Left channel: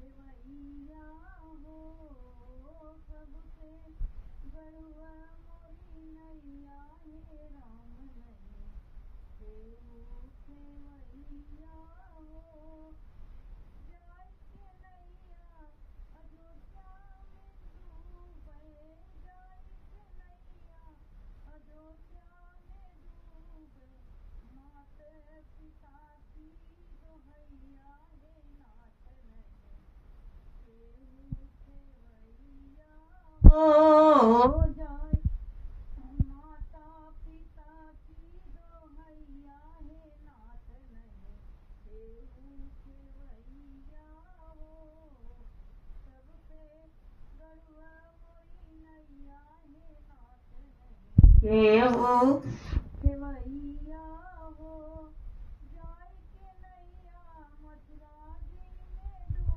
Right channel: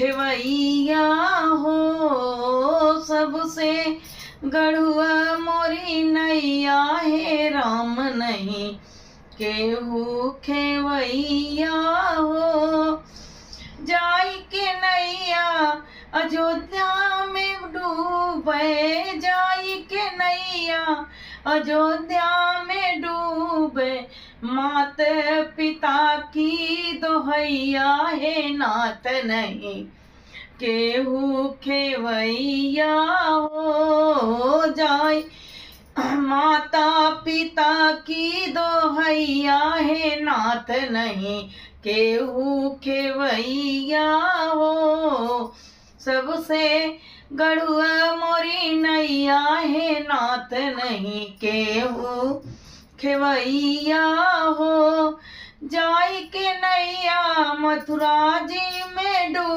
खेवैया हो सबसे गढ़ुआ मोरी नैया हे राम नहीं केहू खेवैया हो। जाई के नैया अयोध्या में डूबे, जाई के नैया अयोध्या में डूबे, मात पिता की दोहैया हे नाथ नहीं केहू खेवैया हो। जाई माता पिता की दोहैया हे नाथ नहीं केहू खेवैया हो। सबसे गढ़ुआ मोरी नैया हे नाथ नहीं केहू खेवैया हो। जाई के नैया मथुरा जी में डूब